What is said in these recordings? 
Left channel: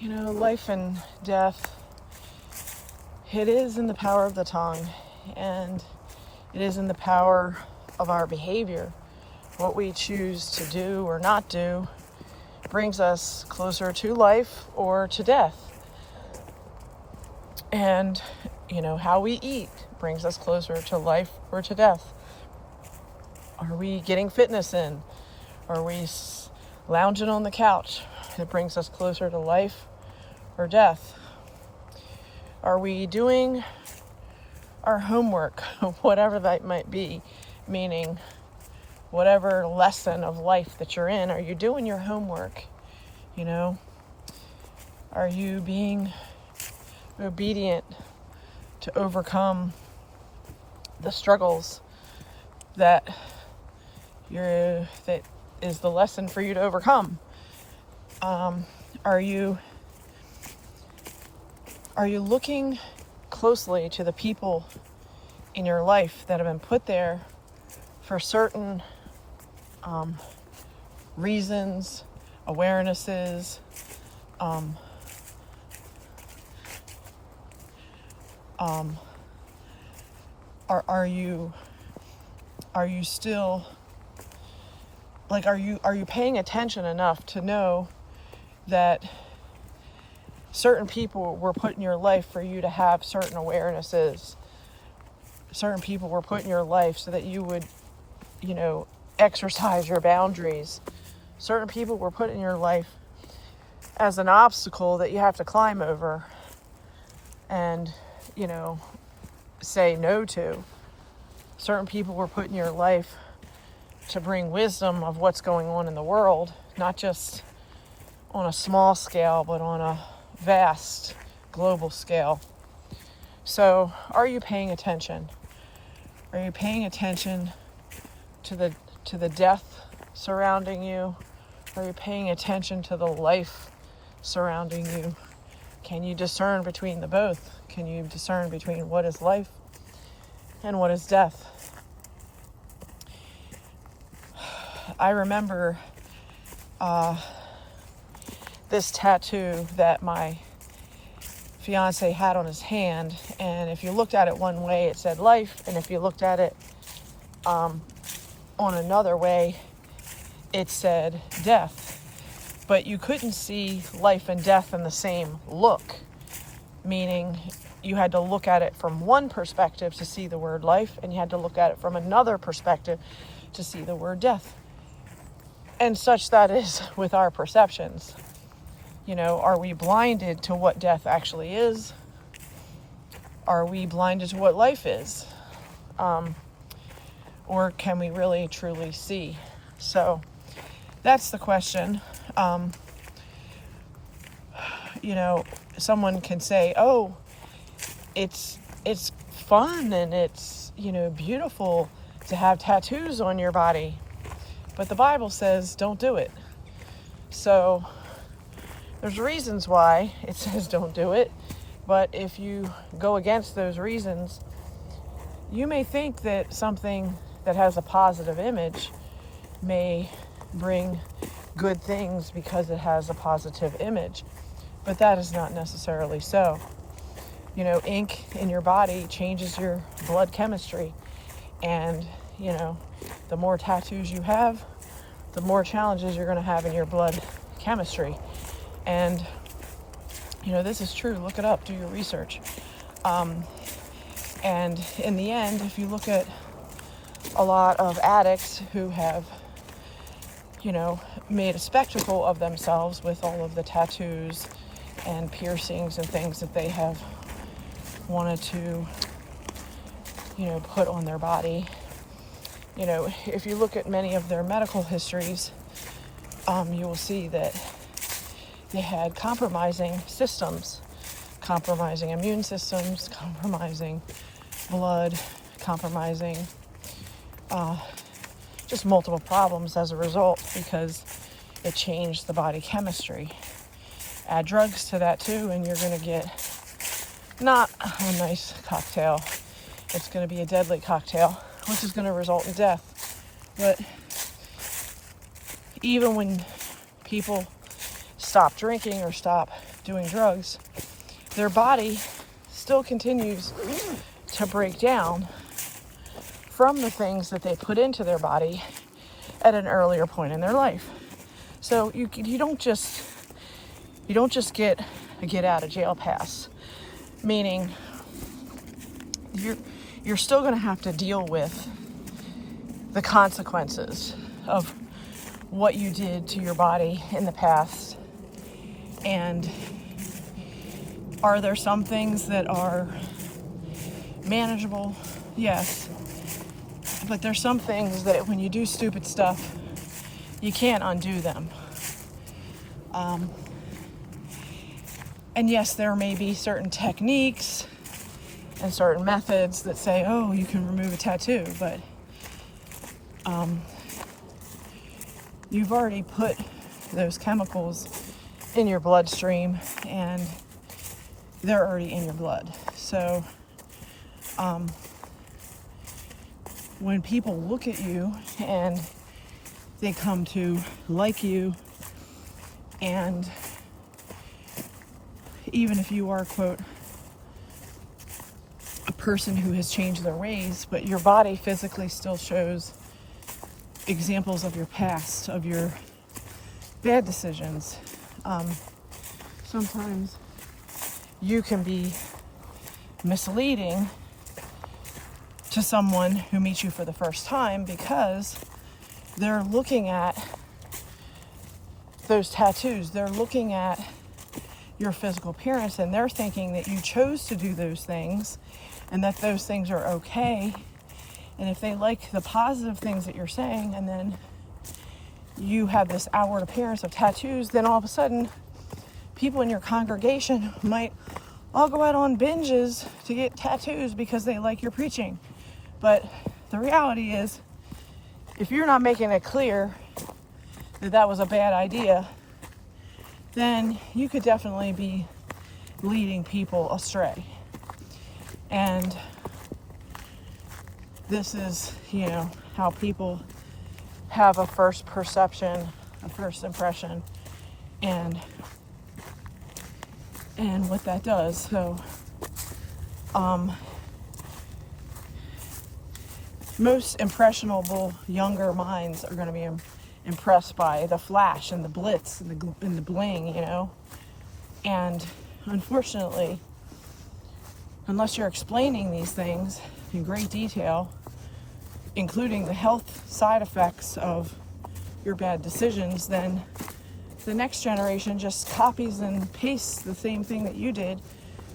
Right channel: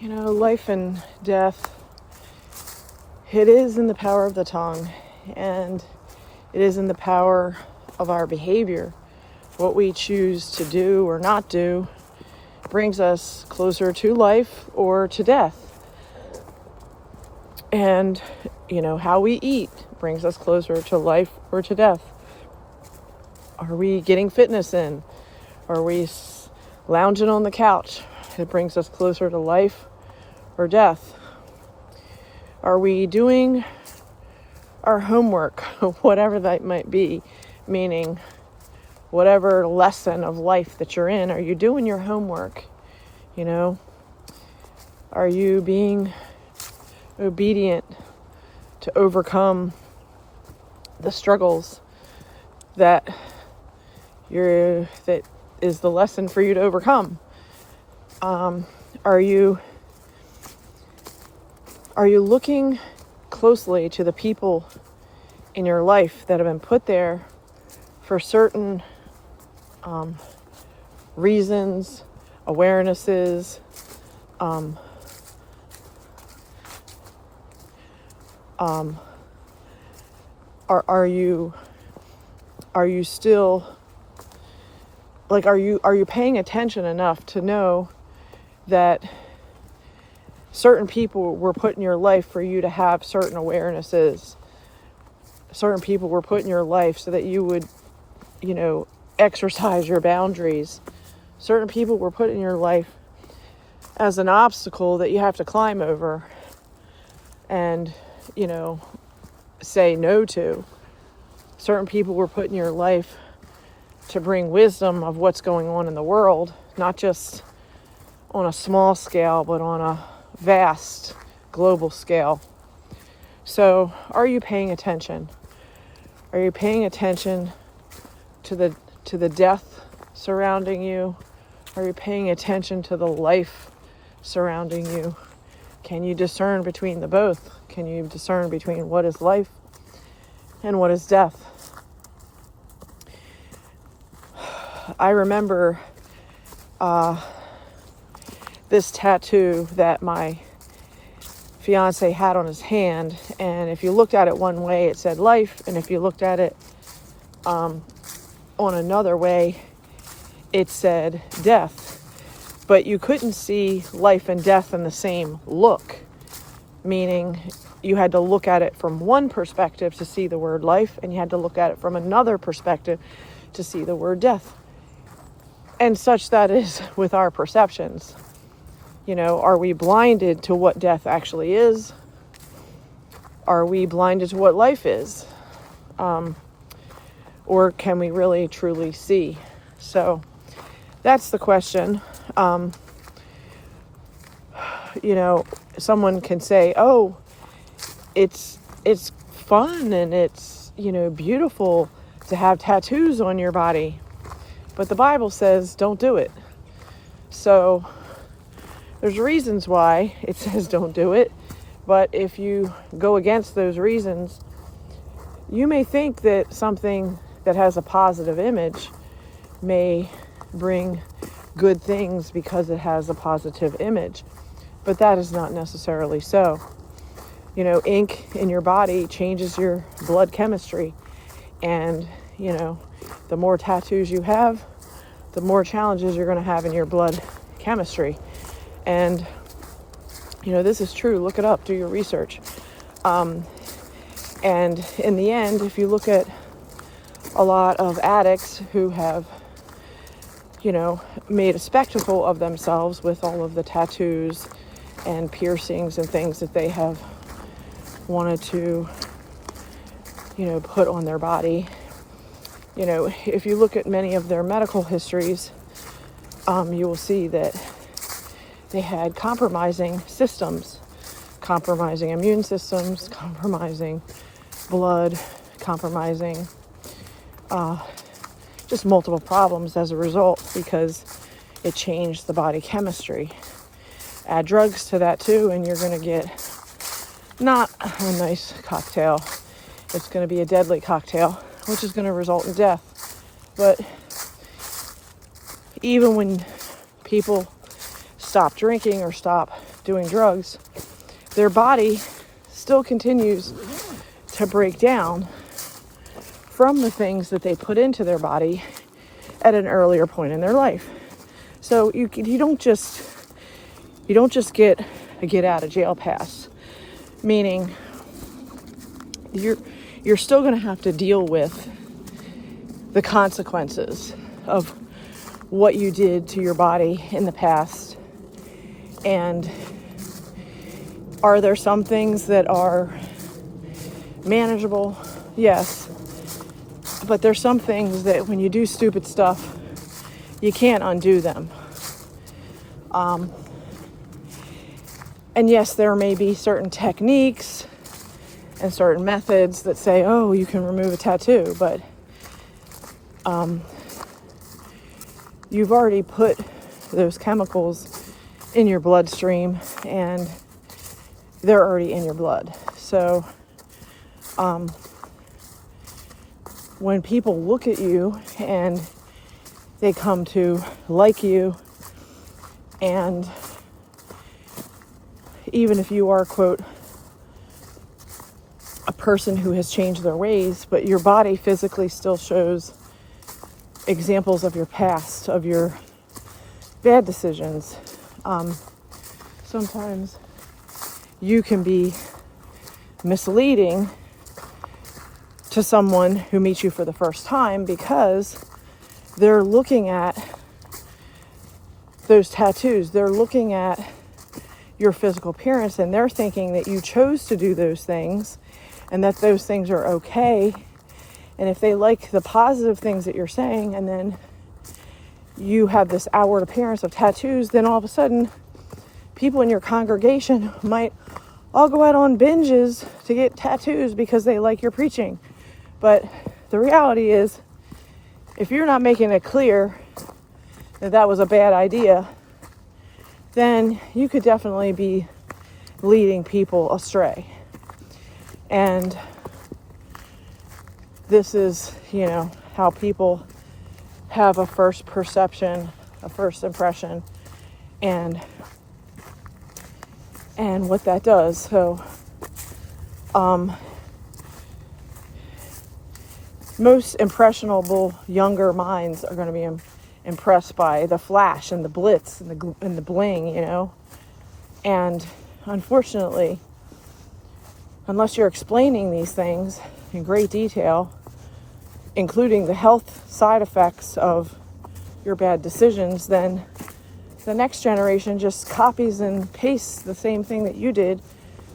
You know, life and death, it is in the power of the tongue, and it is in the power of our behavior. What we choose to do or not do brings us closer to life or to death. And, you know, how we eat brings us closer to life or to death. Are we getting fitness in? Are we lounging on the couch? It brings us closer to life or death. Are we doing our homework, whatever that might be, meaning whatever lesson of life that you're in, are you doing your homework? You know, are you being obedient to overcome the struggles that is the lesson for you to overcome? Are you looking closely to the people in your life that have been put there for certain reasons, awarenesses, are you still, like, are you paying attention enough to know that certain people were put in your life for you to have certain awarenesses? Certain people were put in your life so that you would, you know, exercise your boundaries. Certain people were put in your life as an obstacle that you have to climb over and, you know, say no to. Certain people were put in your life to bring wisdom of what's going on in the world, not just on a small scale, but on a vast global scale. So, are you paying attention? Are you paying attention to the death surrounding you? Are you paying attention to the life surrounding you? Can you discern between the both? Can you discern between what is life and what is death? I remember this tattoo that my fiance had on his hand, and if you looked at it one way, it said life, and if you looked at it on another way, it said death. But you couldn't see life and death in the same look, meaning you had to look at it from one perspective to see the word life, and you had to look at it from another perspective to see the word death. And such that is with our perceptions. You know, are we blinded to what death actually is? Are we blinded to what life is? Or can we really truly see? So that's the question. You know, someone can say, oh, it's fun and it's, you know, beautiful to have tattoos on your body. But the Bible says don't do it. So there's reasons why it says don't do it. But if you go against those reasons, you may think that something that has a positive image may bring good things because it has a positive image. But that is not necessarily so. You know, ink in your body changes your blood chemistry. And, you know, the more tattoos you have, the more challenges you're going to have in your blood chemistry. And, you know, this is true. Look it up. Do your research. And in the end, if you look at a lot of addicts who have, you know, made a spectacle of themselves with all of the tattoos and piercings and things that they have wanted to, you know, put on their body. You know, if you look at many of their medical histories, you will see that they had compromising systems, compromising immune systems, compromising blood, compromising just multiple problems as a result because it changed the body chemistry. Add drugs to that too, and you're going to get not a nice cocktail. It's going to be a deadly cocktail, which is going to result in death. But even when people stop drinking or stop doing drugs, their body still continues to break down from the things that they put into their body at an earlier point in their life. So you don't just get a get out of jail pass, meaning you're still going to have to deal with the consequences of what you did to your body in the past. And are there some things that are manageable? Yes. But there's some things that when you do stupid stuff, you can't undo them. And yes, there may be certain techniques and certain methods that say, oh, you can remove a tattoo, but you've already put those chemicals in your bloodstream and they're already in your blood. So when people look at you and they come to like you, and even if you are, quote, a person who has changed their ways, but your body physically still shows examples of your past, of your bad decisions, sometimes you can be misleading to someone who meets you for the first time because they're looking at those tattoos, they're looking at your physical appearance, and they're thinking that you chose to do those things and that those things are okay. And if they like the positive things that you're saying, and then you have this outward appearance of tattoos, then all of a sudden people in your congregation might all go out on binges to get tattoos because they like your preaching. But the reality is, if you're not making it clear that that was a bad idea, then you could definitely be leading people astray. And this is, how people have a first perception, a first impression, and what that does. So, most impressionable younger minds are going to be impressed by the flash and the blitz and the bling, And unfortunately, unless you're explaining these things in great detail, including the health side effects of your bad decisions, then the next generation just copies and pastes the same thing that you did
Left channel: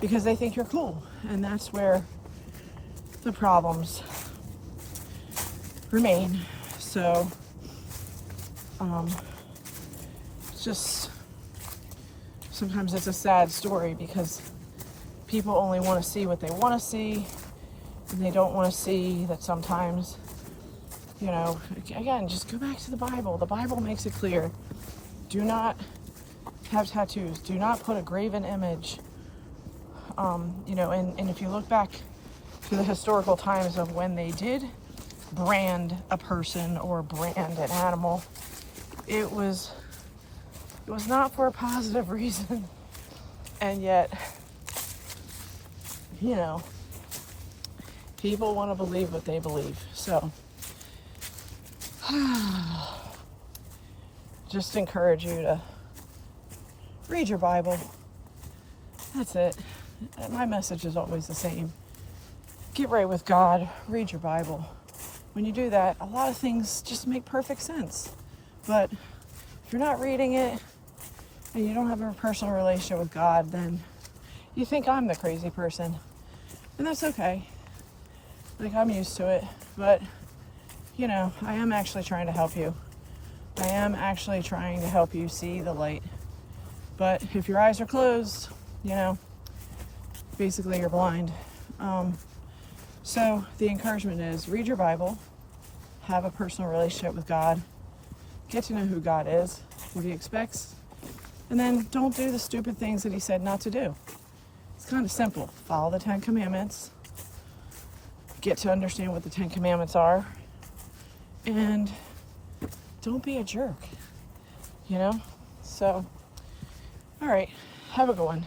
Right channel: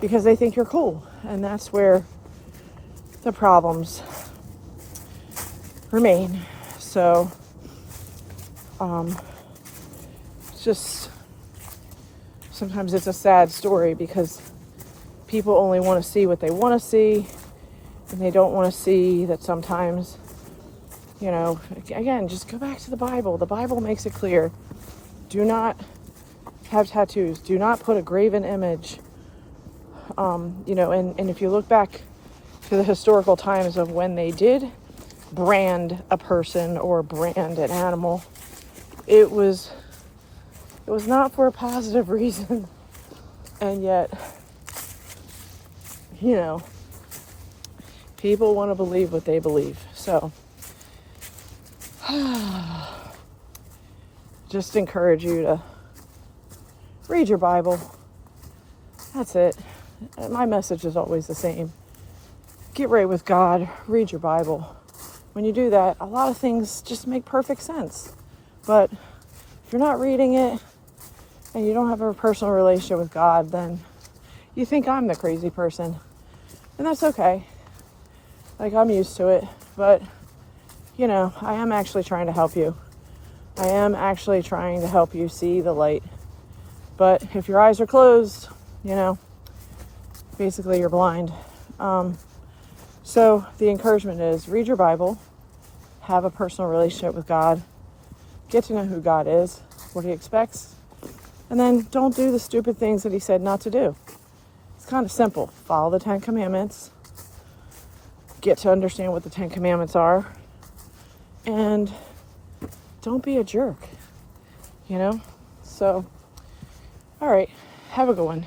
because they think you're cool. And that's where the problems remain. So just sometimes it's a sad story because people only want to see what they want to see, and they don't want to see that sometimes, again, just go back to the Bible. The Bible makes it clear. Do not have tattoos. Do not put a graven image. And if you look back to the historical times of when they did brand a person or brand an animal, it was not for a positive reason. And yet, people want to believe what they believe. So just encourage you to read your Bible. That's it. My message is always the same. Get right with God. Read your Bible. When you do that, a lot of things just make perfect sense. But if you're not reading it and you don't have a personal relationship with God, then you think I'm the crazy person. And that's okay. I'm used to it. But, I am actually trying to help you. I am actually trying to help you see the light. But if your eyes are closed, basically you're blind. So the encouragement is read your Bible, have a personal relationship with God, get to know who God is, what he expects, and then don't do the stupid things that he said not to do. It's kind of simple. Follow the 10 Commandments, get to understand what the 10 Commandments are, and don't be a jerk, So All right. Have a good one.